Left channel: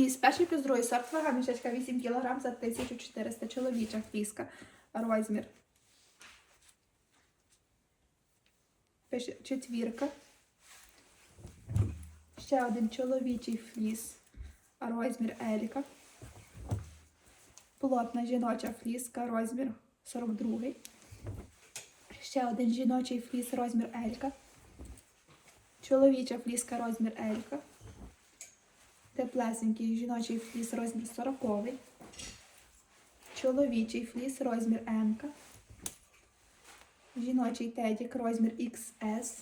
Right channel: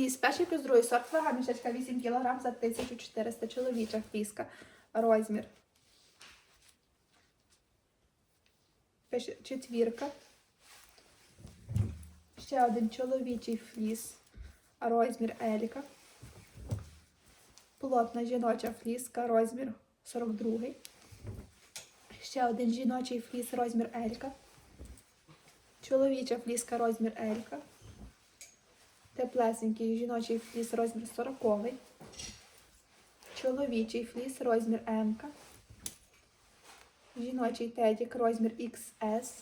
Фліс, перший плюс другий сорт вага, мішечка 8 кг за 1400 чоловіча фліска. Розмір. Четвірка. Ще один чоловічий фліс. Розмір Еліка. Плотна жіноча фліска, розмір 42. Ще один жіночий фліс, розмір Елька. Чоловіча фліска, розмір Елька. Теплесенький жіночий фліс, розмір 40. Чоловічий фліс, розмір М. Жіночий тедік, розмір XS.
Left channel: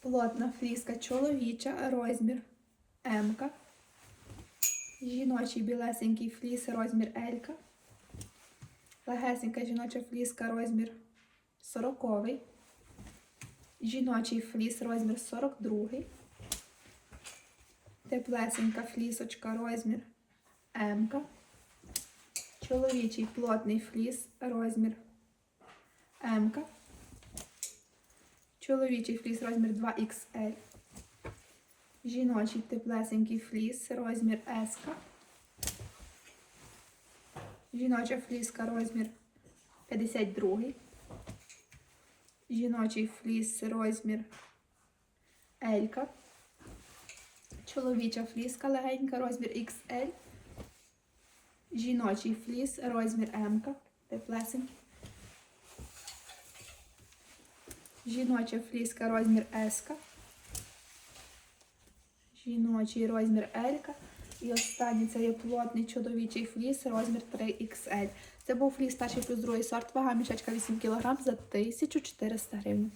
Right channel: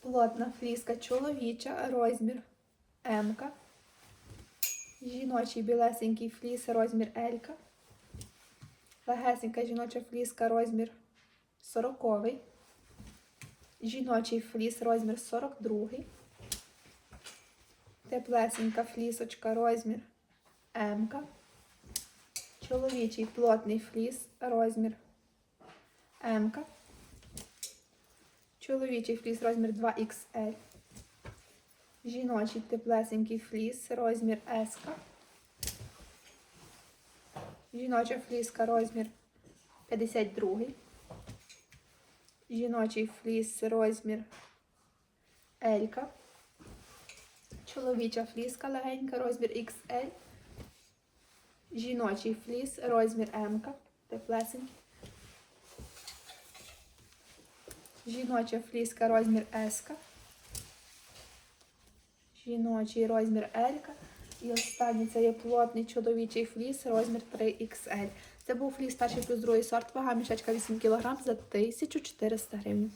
Плотна фліска чоловіча, розмір М. Жіночий білесенький фліс, розмір L. Легесенька жіноча фліска, розмір 40. Жіночий фліс, розмір 42. Теплесенька флісочка, розмір М. Чоловічий плотний фліс, розмір М. Чоловічий фліс, розмір 2XL. Жіночий теплесенький фліс, розмір S. Жіноча фліска, розмір 52. Жіночий фліс, розмір L. Чоловіча фліска легенька, розмір XL. Жіночий фліс, розмір М. Теплесенький. Жіноча фліска, розмір S. Жіночий розмір L. І останній це є плотний чоловічий фліс, розмір 3XL. Це був фліс перший плюс другий сорт, вага мішечка 8 кг за 1400 гривень.